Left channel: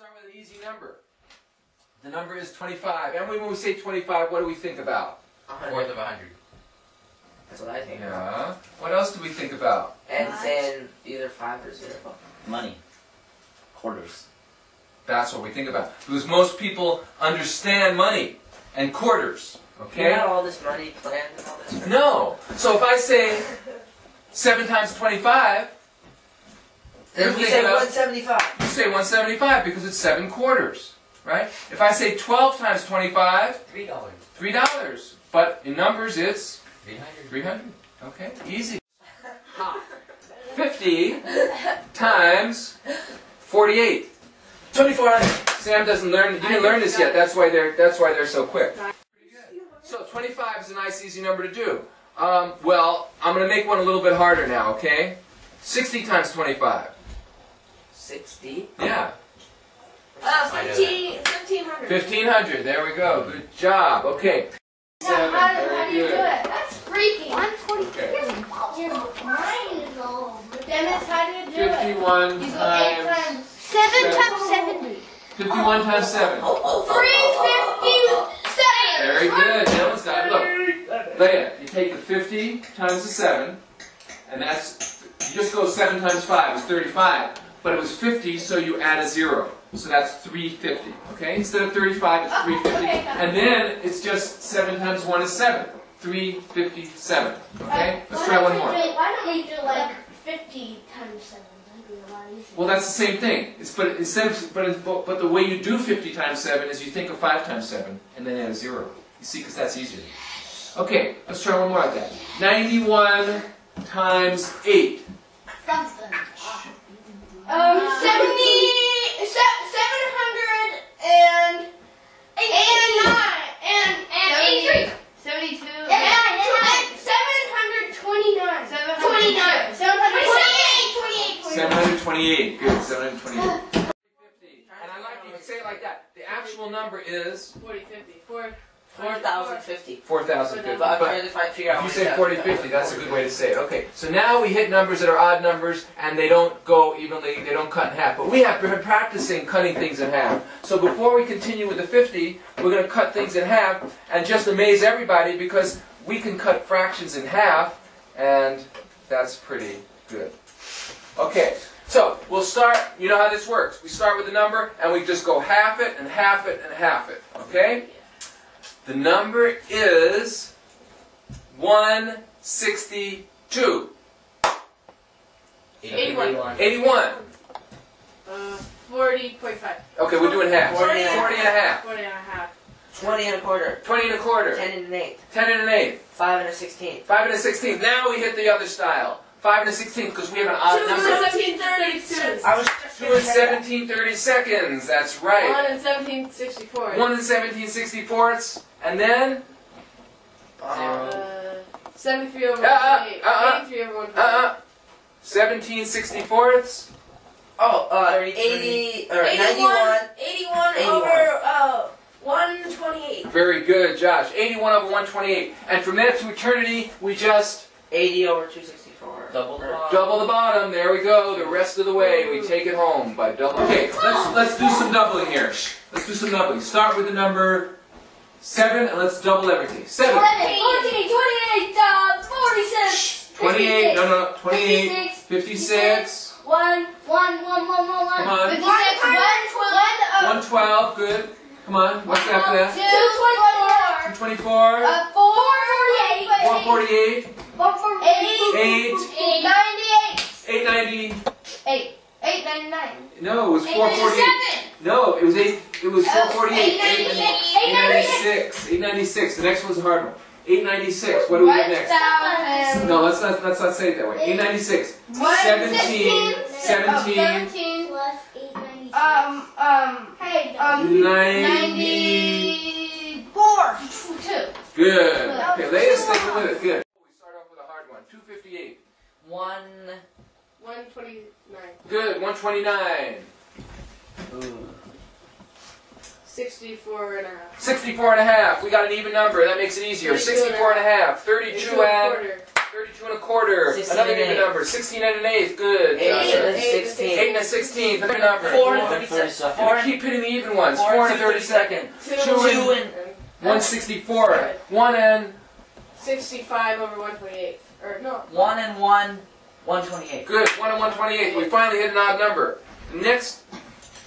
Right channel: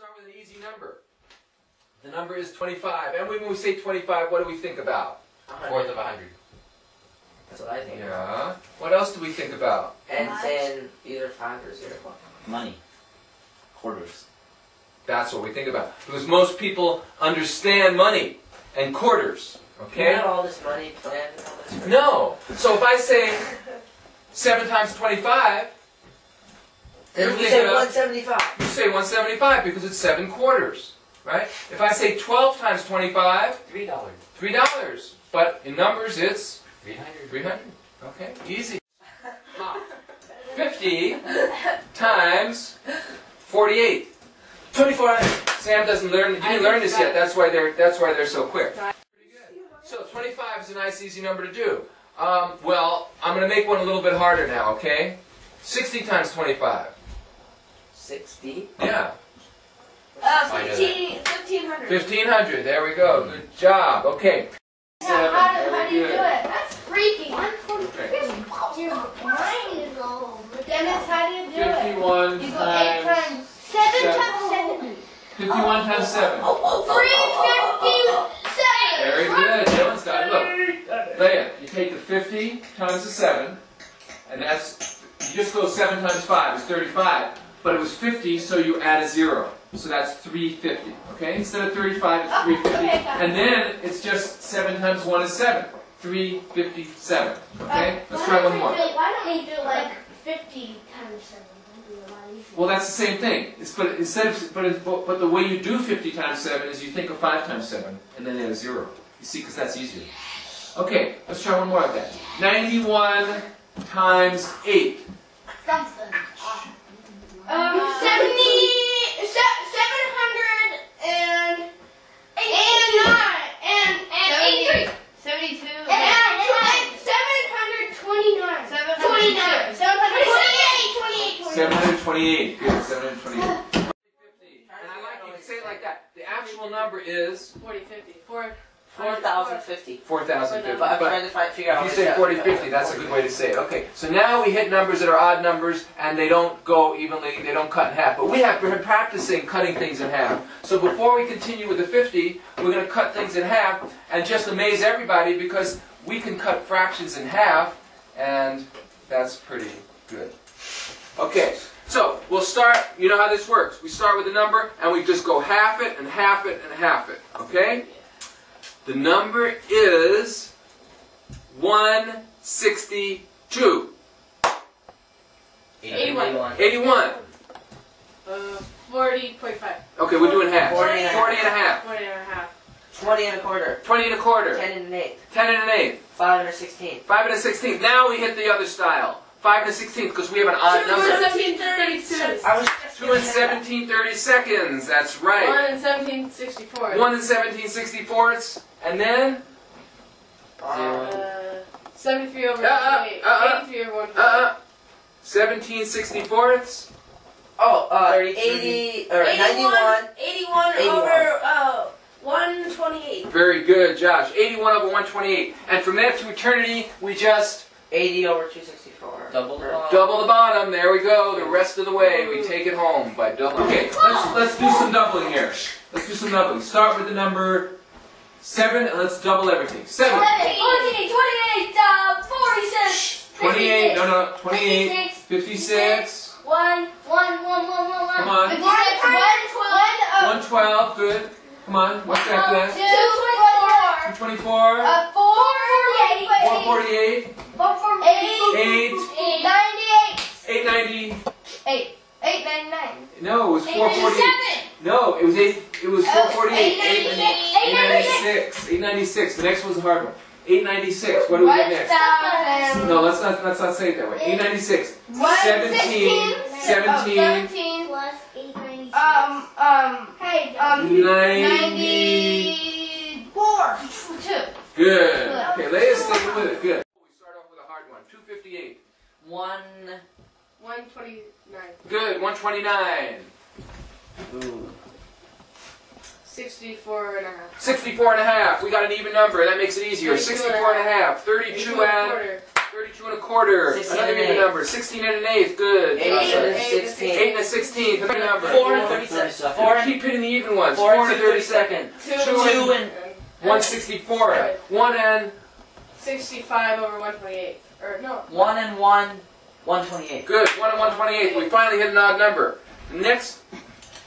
start with an easy number. The number is 25. And when we say 25, what do we think about? Fourth of 100. That's what I think. Yeah. What else do we think about? And then either 5 or 0. Money. Quarters. That's what we think about. Because most people understand money and quarters. Okay? You have all this money planned and all this. No. So if I say 7 times 25, then you say 175. you say 175 because it's 7 quarters. Right? If I say 12 times 25, $3. $3. But in numbers it's 300. 300. Okay? Easy. 50 times 48. 24. Sam doesn't learn. You didn't learn this yet. That's why they're so quick. So 25 is a nice, easy number to do. Well, I'm going to make one a little bit harder now. Okay? 60 times 25. 60. Yeah. 1,500. 1,500. There we go. Good job. Okay. Now, how do you do it? That's freaking. 143. Your mind is all over. Dennis, how do you do it? 51 You go 8 times. 7 times 70. 51 times 7. 357. Very good. Dylan's done. Look, Leah, you take the 50 times the 7, and that's, you just go 7 times 5 is 35. But it was 50, so you add a 0. So that's 350. Okay? Instead of 35, it's 350. Okay, and then it's just 7 times 1 is 7. 357. Okay? Let's try one more. Why don't we do like 50 times 7? That'd be a lot easier. Well, that's the same thing. But the way you do 50 times 7 is you think of 5 times 7 and then add a 0. You see, because that's easier. Okay, let's try one more like that. 91 times 8. Something. 789 and 72 and 729. 728. Good. 728. And I like you to say it like that. The actual number is 4,050. 4,050. But I'm trying to figure out. If you say 4050, that's a good way to say it. Okay, so now we hit numbers that are odd numbers, and they don't go evenly, they don't cut in half. But we have been practicing cutting things in half. So before we continue with the 50, we're going to cut things in half, and just amaze everybody, because we can cut fractions in half, and that's pretty good. Okay, so we'll start, you know how this works. We start with a number, and we just go half it, and half it, and half it. Okay? The number is 162. 81. 81. 40.5. Okay, we're doing half. 40 and a half. 40 and a half. 40 and a half. 20 and a quarter. 20 and a quarter. 10 and an eighth. 10 and an eighth. 5 and a 16th. 5 and a 16th. Now we hit the other style. 5 and a 16th because we have an odd 2 number. and 1732. I was just 2 and 1730 seconds. That's right. 1 and 1764. 1 and 1764ths. And then 73 over 128. 83 over 128. 1764ths. Oh, 80 or 91. 81 over 128. Very good, Josh. 81 over 128. And from there to eternity, we just 80 over 264. Double the bottom. double the bottom. There we go. The rest of the way, we take it home by doubling. Okay, let's do some doubling here. Let's do some doubling. Start with the number 7, and let's double everything. 7. 28, 46. 28. No. 28. 56. 1. Come on. 56. 112. Good. Come on. What's after that? 224. 224. 448. 448. 8. 890. 899. No, it was 448. No, it was 8. It was 448. 896. 896. The next one's a hard one. 896. What do we get next? No, let's not say it that way. 896. 17. 17. Plus 896. 94. 2. Good. Okay, Leia's sticking with it. Good. We start off with a hard one. 258. 129. Good. 129. Ooh. 64 and a half. 64 and a half. We got an even number. That makes it easier. 64 and a half. 32 and a quarter. 16 Another and an even eighth. number. 16 and an eighth. Good. 8 Joshua. and 16. 8 and a 16th. Another number. 4 and 32nd. 4 and Keep hitting the even ones. 4 4 and and a 32nd. 2 2 and 164. 1 and 65 over 128. Or no. 1 and 128. good. 1 and 128. We finally hit an odd number. The next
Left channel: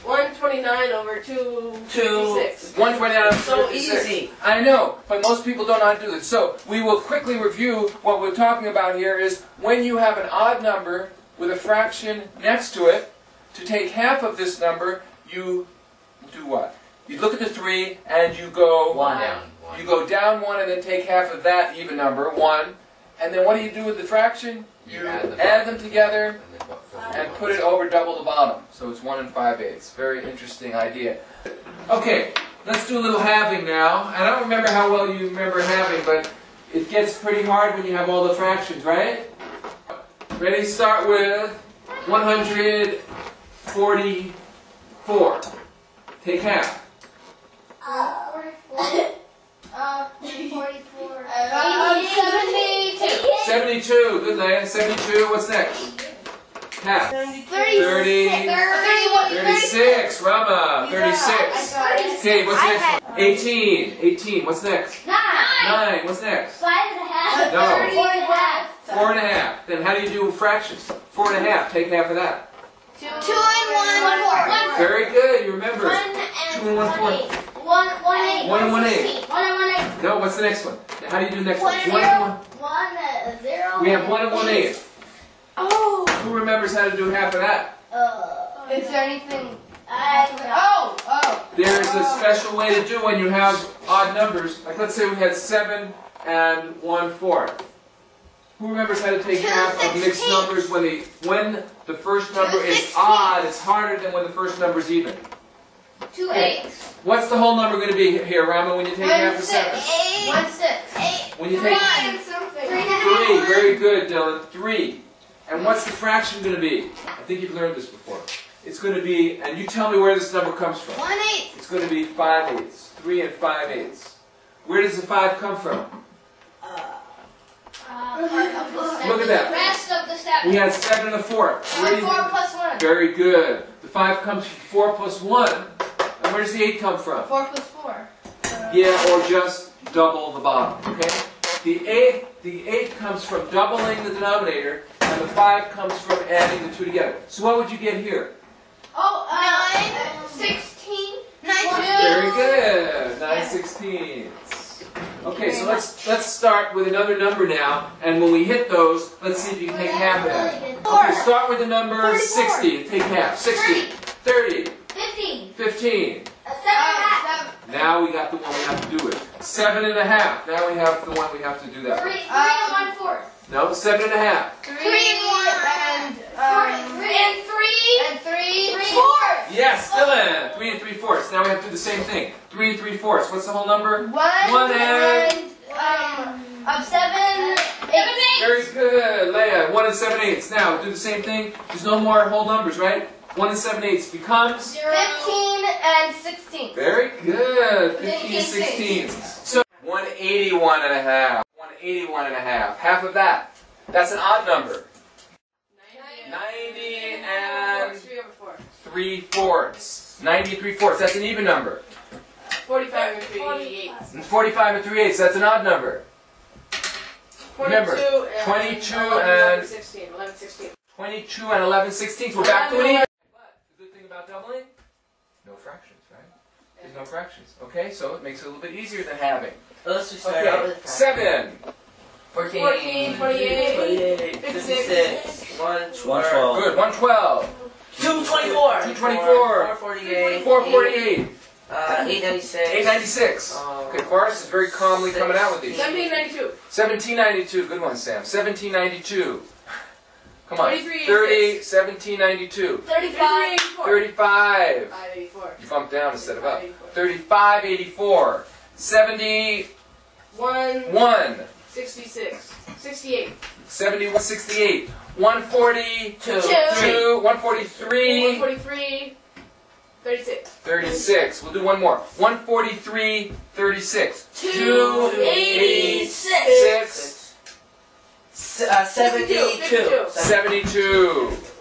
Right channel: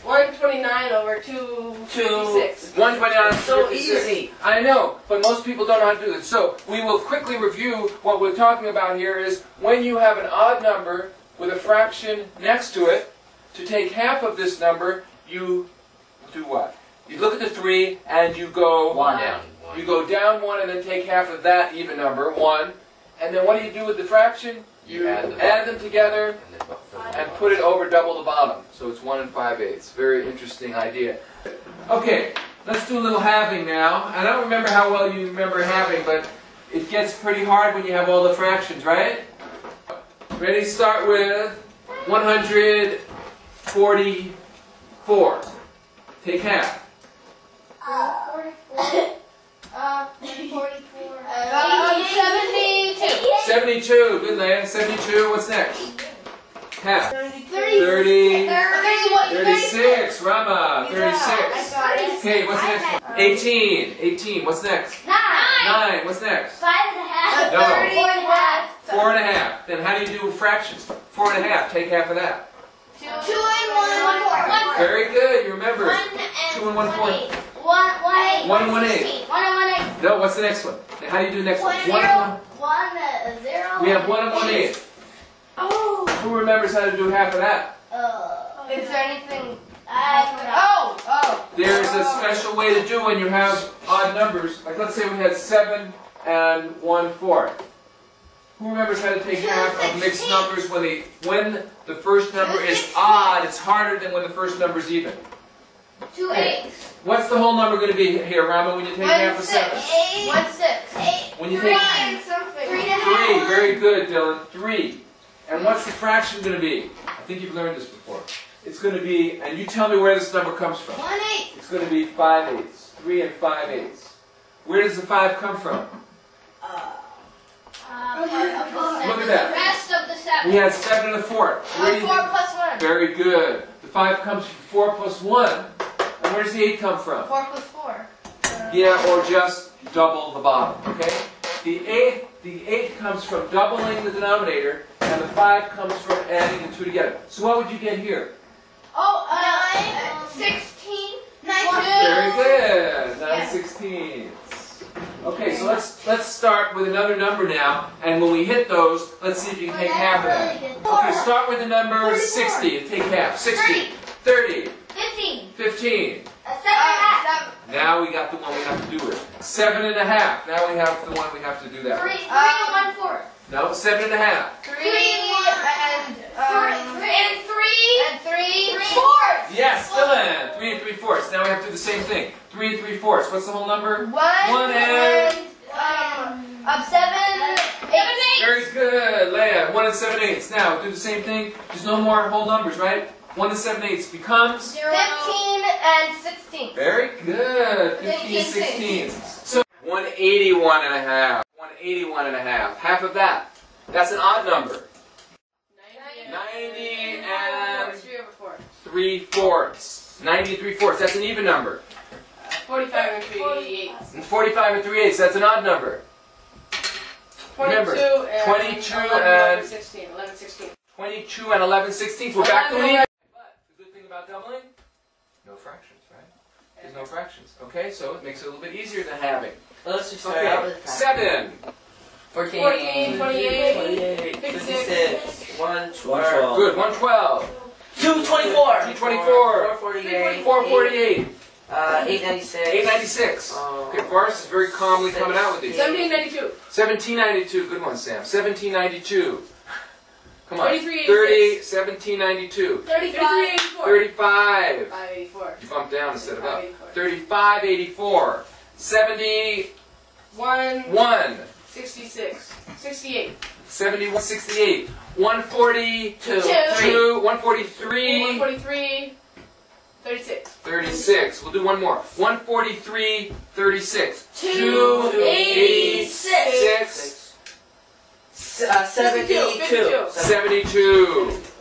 129 over 256. 129 and So 56. easy. I know, but most people don't know how to do this. So we will quickly review what we're talking about here is when you have an odd number with a fraction next to it, to take half of this number, you do what? You look at the 3 and you go 1 Down. You go down 1 and then take half of that even number, 1. And then what do you do with the fraction? You add them together And then and put it over double the bottom. So it's 1 and 5/8. Very interesting idea. Okay, let's do a little halving now. I don't remember how well you remember halving, but it gets pretty hard when you have all the fractions, right? Ready? Start with 144. Take half. 44. 44. 72. 72. Good, Leia. 72. What's next? Half. 30. 36. Rama. 36. Okay, what's the next one? 18. 18. What's next? 9. What's next? 5.5. No. 4.5. 4.5. Then how do you do fractions? 4.5. Take half of that. 2 and 1. Very good. You remember. 1 2 and 1 4. 1 1 and 1 8. 1 and 1 8. No, what's the next one? How do you do the next 1 one? 0. 1 0. We have 1 and 1 8. Oh. Who remembers how to do half of that? Is there anything? Oh. There's a special way to do when you have odd numbers. Like let's say we had 7 and 1/4. Who remembers how to take half of mixed numbers when the first number is odd? It's harder than when the first number is even. 2 8. What's the whole number going to be here, Rama, when you take half of 7? 1 6. When you take 3, very good, Dylan. 3. And what's the fraction going to be? I think you've learned this before. It's going to be, and you tell me where this number comes from. 1 8. It's going to be 5/8. 3 and 5/8. Where does the 5 come from? Look at that. Rest of the 7. We had 7 and a 4. Where do you 4 plus 1. Very good. The 5 comes from 4 plus 1. And where does the 8 come from? 4 plus 4. Yeah, or just double the bottom, okay? The 8 comes from doubling the denominator, and the 5 comes from adding the 2 together. So what would you get here? 16. 9 Very good. 9/16. Okay, so let's start with another number now, and when we hit those, let's see if you can take half of that. Okay, start with the number 60. Take half. 60. 30. 15. 15. 7. Now we got the one we have to do it. 7.5. Now we have the one we have to do that 3 with. and 1/4. No, 7.5. 3 3 and 3. 4. Yes, Dylan. 3 and 3/4. Now we have to do the same thing. 3 and 3/4. What's the whole number? 1 and... of 7. 8. Very good, Leia. 1 and 7/8. Now do the same thing. There's no more whole numbers, right? 1 and 7/8 becomes 15 and 16. very good. 15 16. So 181.5. 181.5. Half of that. That's an odd number. 90 and 3 over 4. 3/4. 90 and 3/4. That's an even number. 45 and 3 8. And 45 and 3/8. That's an odd number. Remember, 22 and 16. 11 16. 22 and 11/16. We're back to an even. But the good thing about doubling, no fractions, right? There's no fractions. Okay, so it makes it a little bit easier than having. Let's just start out Okay, with 7. 14, 28, 56, 112. Good, 112. 224. 224. 448. 448. 896. 896. Good, Forrest is very calmly coming out with these. 1792. 1792. Good one, Sam. 1792. Come on. 33, 30, 1792. 35. 35. 584. You bumped down instead of up. 584. 3584. 71. 1 66. 68. 71, 68. 142. 2. 143. 143. 36. 36. We'll do one more. 143, 36. 286. 6. 72. 72.